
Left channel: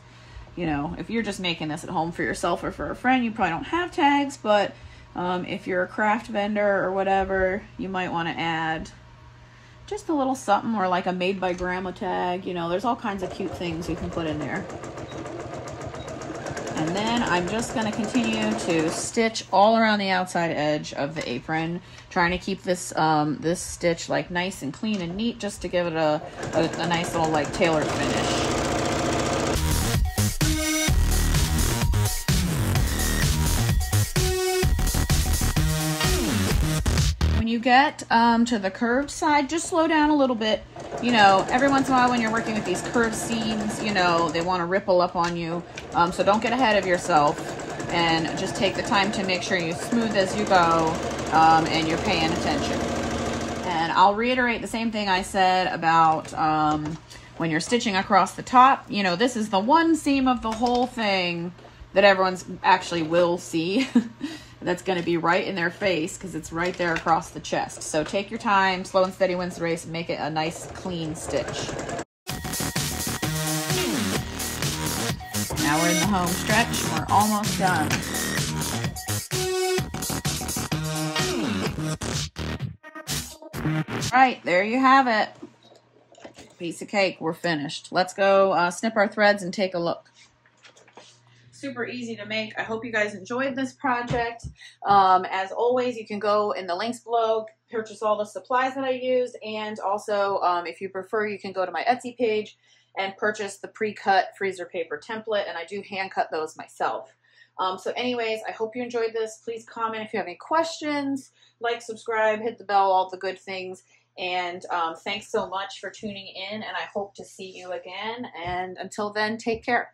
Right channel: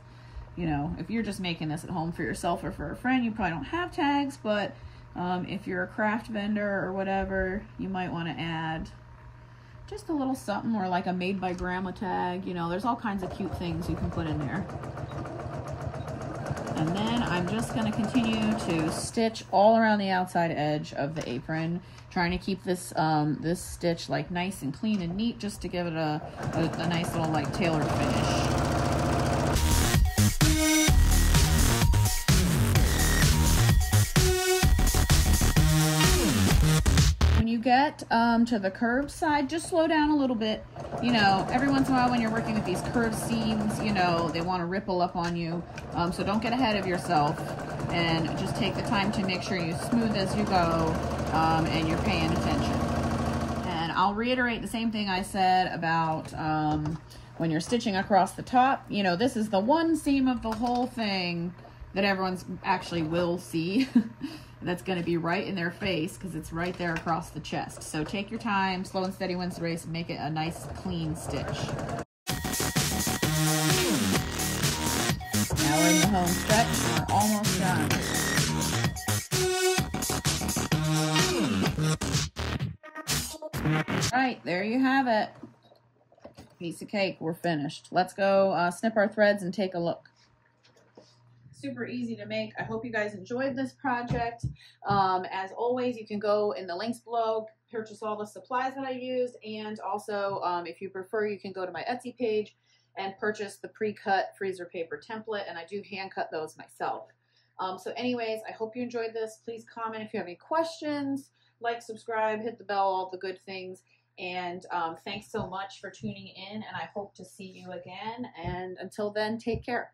You know, if you're just making this at home for yourself or for a friend, you probably don't have tags, but if you're a craft vendor or whatever, you might want to add just a little something, or like a made by grandma tag. You know, there's all kinds of cute things you can put in there. And then I'm just going to continue to stitch all around the outside edge of the apron, trying to keep this this stitch like nice and clean and neat, just to give it a nice little like tailored finish. When you get to the curved side, just slow down a little bit. You know, every once in a while when you're working with these curved seams, you know, they want to ripple up on you. So don't get ahead of yourself, and just take the time to make sure you're smooth as you go and you're paying attention. And I'll reiterate the same thing I said about when you're stitching across the top. You know, this is the one seam of the whole thing that everyone's actually will see. That's going to be right in their face because it's right there across the chest. So take your time, slow and steady wins the race, and make it a nice clean stitch. Now we're in the home stretch and we're almost done. All right, there you have it. Piece of cake, we're finished. Let's go snip our threads and take a look. super easy to make. I hope you guys enjoyed this project. As always, you can go in the links below, purchase all the supplies that I used, and also if you prefer, you can go to my Etsy page and purchase the pre-cut freezer paper template, and I do hand cut those myself. So anyways, I hope you enjoyed this. Please comment if you have any questions, like, subscribe, hit the bell, all the good things. And thanks so much for tuning in, and I hope to see you again. And until then, take care.